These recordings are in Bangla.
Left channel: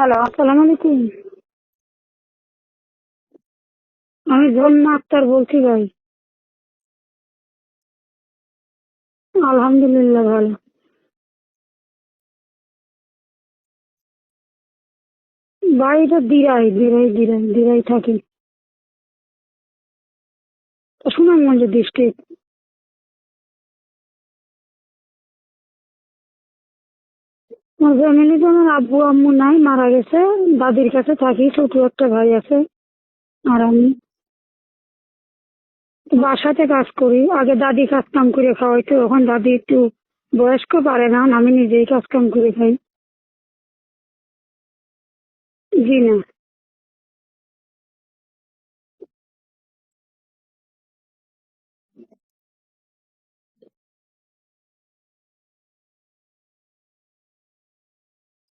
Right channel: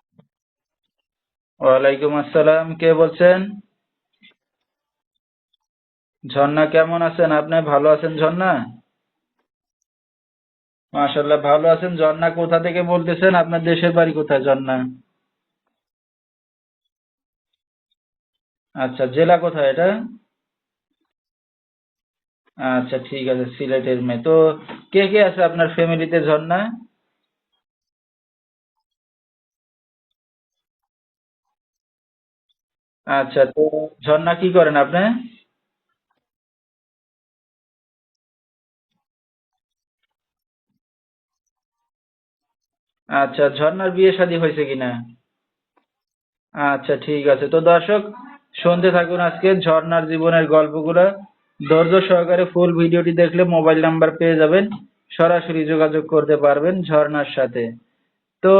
হ্যালো আসসালামু আলাইকুম। ওয়ালাইকুম আসসালাম কে বলছেন? আমি ঝর্ণা আক্তার বলছি ভাই। ঝর্ণা কেমন আছেন? আপনি ভালো আছেন ঝর্ণা? আলহামদুলিল্লাহ ভালো। মাশাল্লাহ ভালো আছেন। ঝর্ণা কোথা থেকে বলতেছেন? আপনার দেশের বাড়ি কোথায় ঝর্ণা? বাড়িটা দিরাই দিরাই দিরাই দিরাই থাকি। আচ্ছা জেলা কোথায় এটা? সুনামগঞ্জ ডিস্ট্রিক্ট। আচ্ছা ঠিক আছে সিলেটের মেয়ে। তো কে কে আছে আপনার ফ্যামিলিতে ঝর্ণা? আমার ফ্যামিলিতে আমার আব্বু আম্মু নাই মারা গেছে দাদির কাছে থাকি ছোট একটা ভাই আছে। আচ্ছা আর আমি? ঝর্ণা কি করেন আপনি? বাসাতে কাজ করি আগে দাদি কাজ কাম করে খাওয়াইতো এখন দাদি একটু বয়স্ক পারে না আমি নিজেই কাজ কাম করে খাই। আচ্ছা ঝর্ণার বিয়ে শাদী হয়েছে কিনা? জি না। আচ্ছা ঠিক আছে। তো দর্শক শুনতে থাকুন আজকে ঝর্ণার জীবনের গল্পগুলো। ধৈর্য সহকারে ফুল ভিডিওটি দেখলে মোবাইল নাম্বার পেয়ে যাবেন। সরাসরি যোগাযোগ করতে পারবেন ঝর্ণার সাথে। তো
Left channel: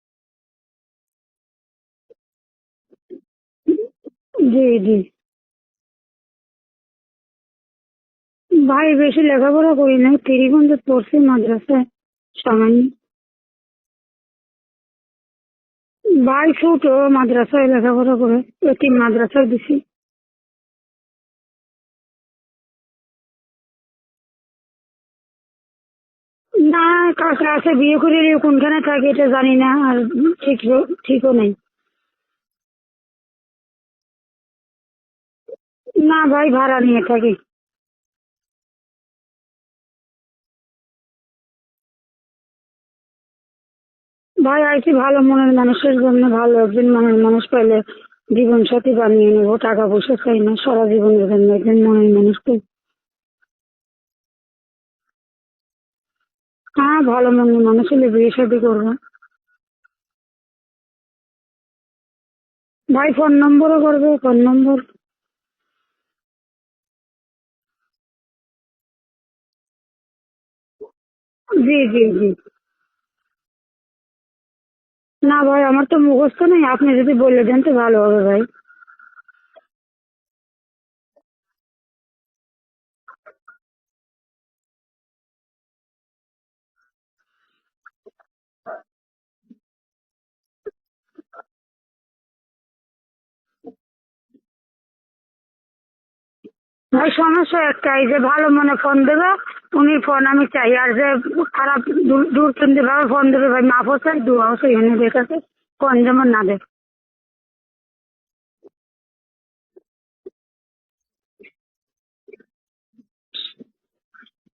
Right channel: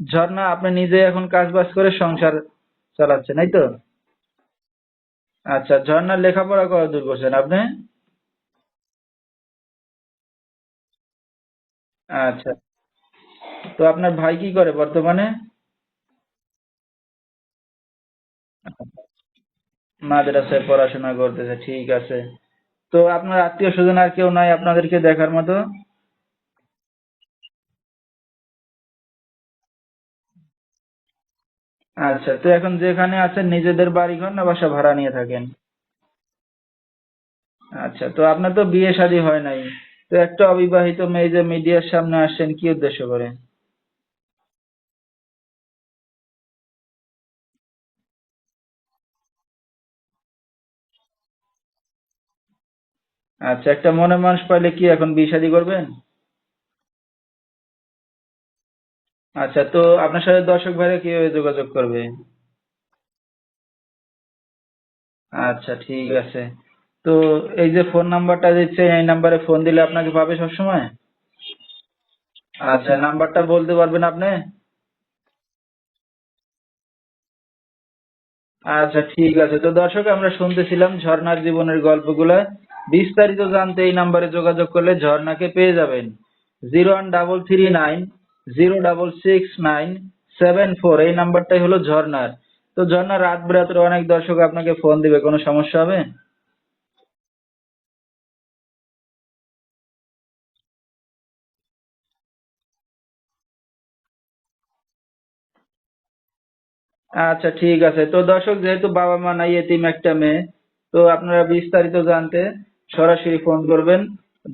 ঝর্ণা আপনি নিজে এখন কাজ বাজ করে সংসার চালাচ্ছেন এই তো? জি জি। আচ্ছা ঝর্ণার লেখাপড়া কত দূর করছেন আপনি? ভাই বেশি লেখাপড়া করি নাই তিরিগঞ্জ পড়ছি মাদ্রাসায়। আচ্ছা। সামান্য। তো আপনার ভাই কি করে বর্তমানে? ভাই ছোট মাদ্রাসায় লেখাপড়া করে এতিম মাদ্রাসায় দিছি। মাদ্রাসায় পড়াশোনা করতেছে ঠিক আছে। তো আপনার আত্মীয় স্বজন আর কেউ নাই আপনাদেরকে দেখার মতো? না কাকা আছে বিয়ে করে নিয়ে কোনখানে থাকে এটা জানি না আর ঠিক ঠিকও নেই। আচ্ছা তো এখন যেখানে আছেন নিজেদের বাড়ি ঘর না বাসা ভাড়া নিয়ে থাকেন? না ভাই ভাড়া নিয়ে থাকি। আচ্ছা তো আপনার তো বিয়ে শাদী হয় নাই। তো একটা অবিবাহিত মেয়ে যে মিডিয়ার সামনে আসছেন কি উদ্দেশ্য করে ভাই আইছি ভালো মনের মানুষের জন্য ভালো একজন মনের মানুষ পাইলে জীবন সাথী বানিয়ে নেব টাকা পয়সা চাই না সারা জীবনের জন্য একজন মনের মানুষকে আচ্ছা একটা মনে মানুষ পাইলে কি এখন বিয়ে শাদী করবেন? হ্যাঁ ভালো মনের মানুষ হলে বিয়ে শাদী করব। আচ্ছা তো আপনার সাথে দর্শক ভাইরা কীভাবে যোগাযোগ করবে? ভাই ফোন নম্বরও করবে ফোন নম্বর। আচ্ছা ঠিক আছে। তো এই যে ফোন নাম্বারটা দিচ্ছে এই নাম্বারে ফোন দিলে আপনাকে পাবে সবসময়? জি জি জি। আচ্ছা নাম্বারটা বলতে পারবেন আপনি? না ভাই আমার তো মুখস্থ নেই আপনি যদি বলে দেন তো ভালো হবে ভাই। আচ্ছা ঠিক আছে। তো দর্শক আমরা শুনতেছিলাম ঝর্ণার জীবনের গল্পগুলা। বিস্তারিত জানতে এই নাম্বারে যোগাযোগ করলে ঝর্ণাকে পেয়ে যাবেন। Zero one double three nine zero double six nine seven four এই নাম্বারটাই হলো ঝর্ণার। তো ঝর্ণা রাত বিরাতের অনেক দর্শক আপনাকে ফোন দিবে কোনো সমস্যা হবে? ভাই সমস্যা একটাই যে ভালো মনে ফোন দেবে উনি ফোন আমি চাই আর যে খারাপ দূর- দূর ভাবে ফোন দেবে ভাই মাফও চাই দুয়াও চাই উনি কাছে ফোন যেমন না দেয়। আচ্ছা ঠিক আছে। তো দর্শক যেহেতু বাবা মা নাই এতিম একটা মেয়ে তো আপনারা বিস্তারিত জানতে সরাসরি ফোন করবেন।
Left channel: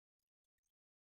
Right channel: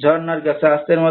ঝর্ণার কাছে আজকের মতো